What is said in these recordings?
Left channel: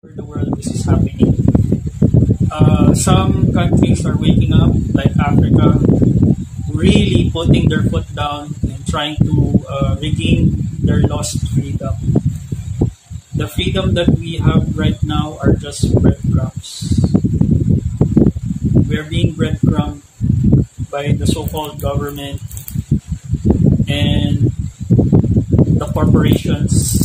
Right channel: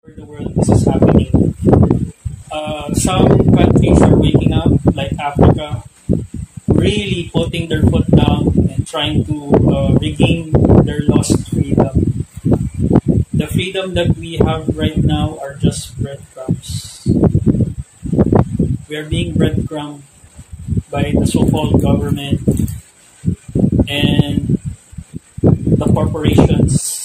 where the world this is happening. Some countries are waking up, like Africa, really putting their foot down and trying to regain their lost freedom. The freedom that we have right now are just breadcrumbs. We are being breadcrumbed by the so-called government and the corporations.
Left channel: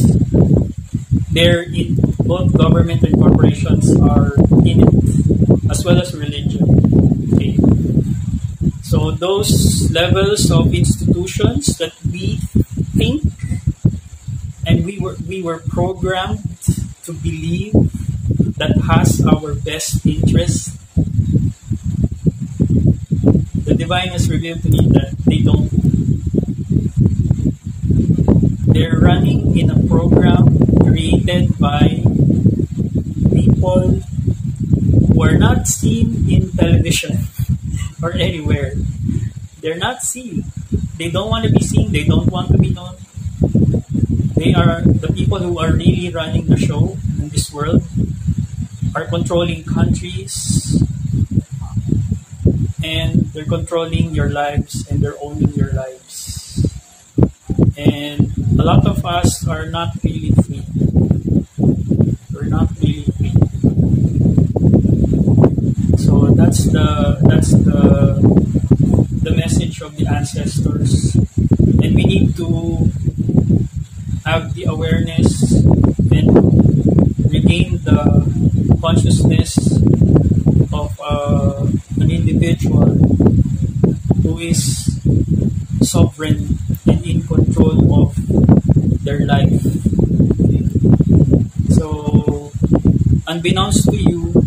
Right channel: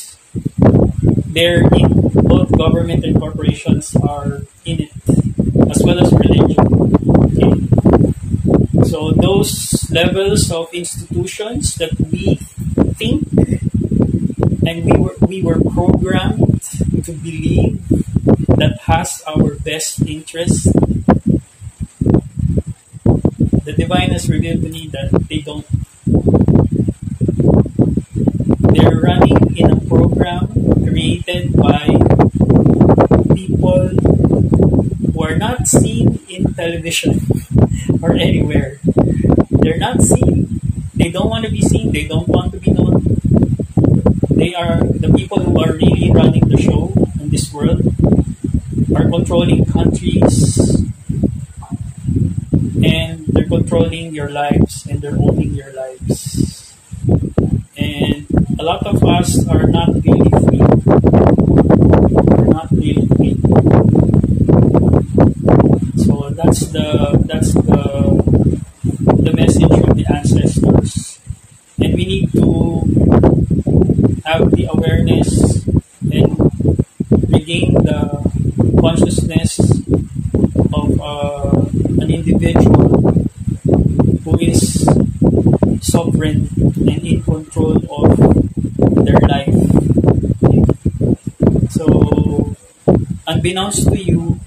They're in both government and corporations are in it, as well as religion. Okay. So those levels of institutions that we think and we were programmed to believe that has our best interest, the divine has revealed to me that they don't. They're running in a program created by people who are not seen in television or anywhere. They're not seen. They don't want to be seen. They don't want to be known. They are the people who are really running the show in this world, are controlling countries, and they're controlling your lives and they're owning your lives. And a lot of us are not really free. We're not really free. So that's the message of the ancestors. And we need to have the awareness and regain the consciousness of an individual who is sovereign and in control of their life. So, unbeknownst to you,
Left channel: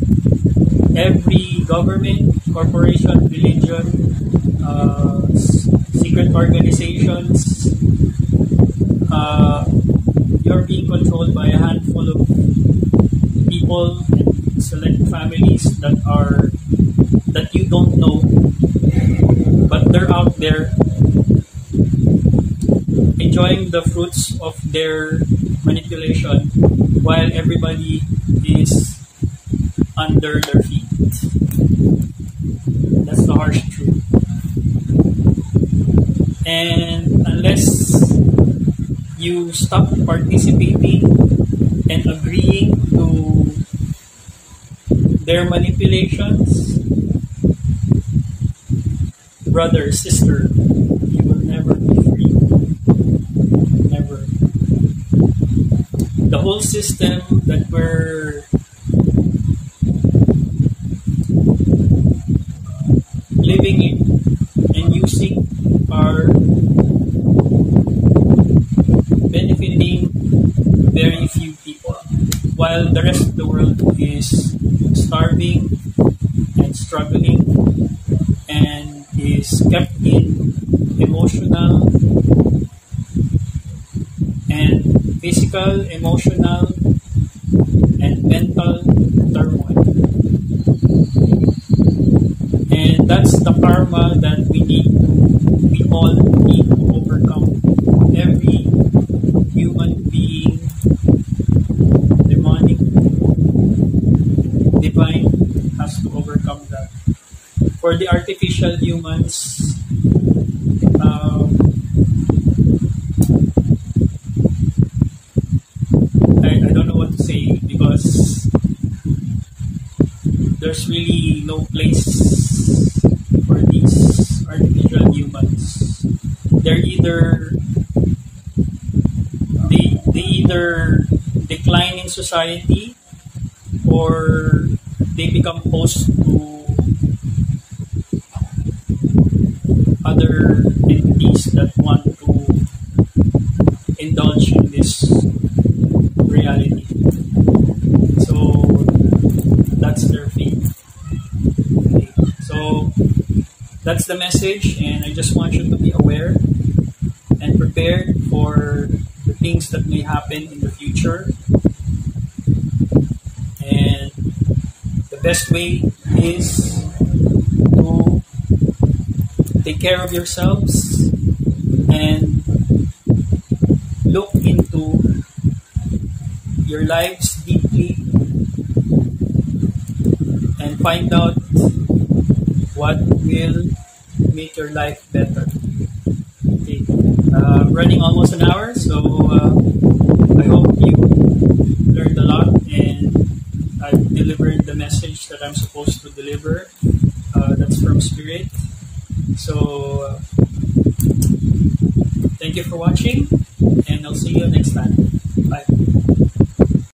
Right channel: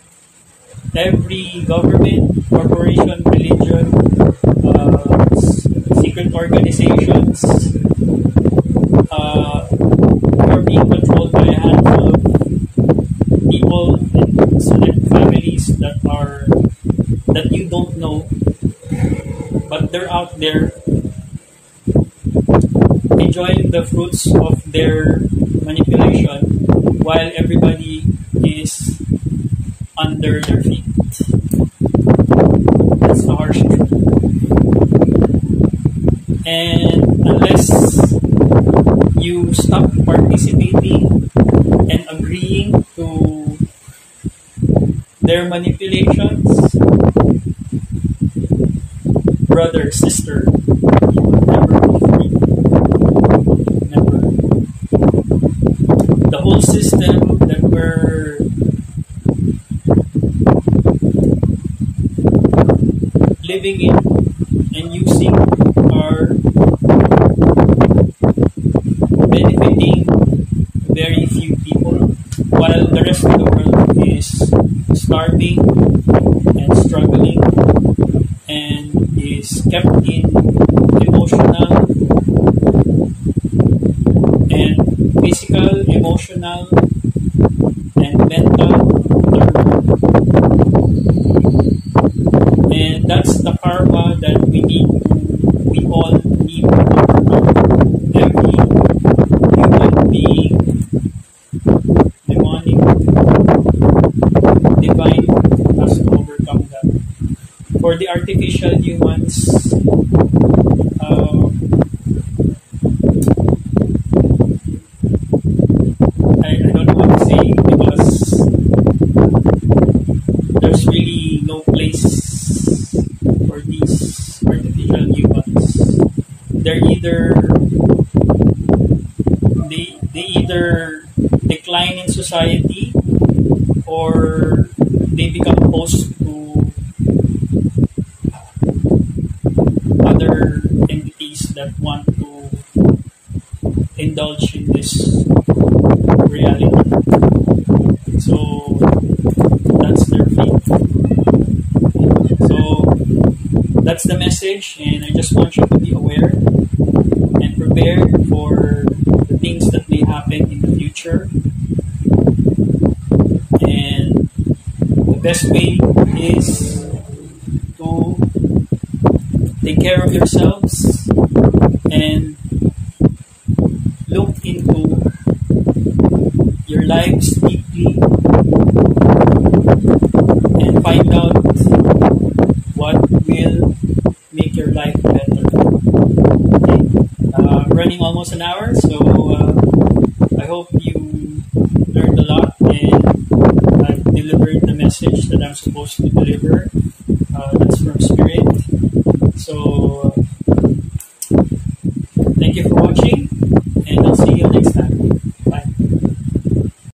every government, corporation, religion, secret organizations, are being controlled by a handful of people and select families that you don't know, but they're out there enjoying the fruits of their manipulation while everybody is under their feet. That's the harsh truth. And unless you stop participating and agreeing to their manipulations, brother, sister, you will never be free. Never. The whole system that we're living in and using are benefiting very few people, while the rest of the world is starving and struggling and is kept in emotional and physical, emotional and mental turmoil. And that's the karma that we all need to overcome. Every human being, demonic, divine, has to overcome that. For the artificial humans, I don't know what to say, because there's really no place for these artificial humans. They're they either decline in society or they become host to other entities that want to indulge in this reality. So that's their fate. So that's the message, and I just want you to be aware and prepared for the things that may happen in the future. And the best way is to take care of yourselves and look into your lives deeply and find out what will make your life better. Okay. Running almost an hour, so I hope you learned a lot and I've delivered the message that I'm supposed to deliver. That's from Spirit. So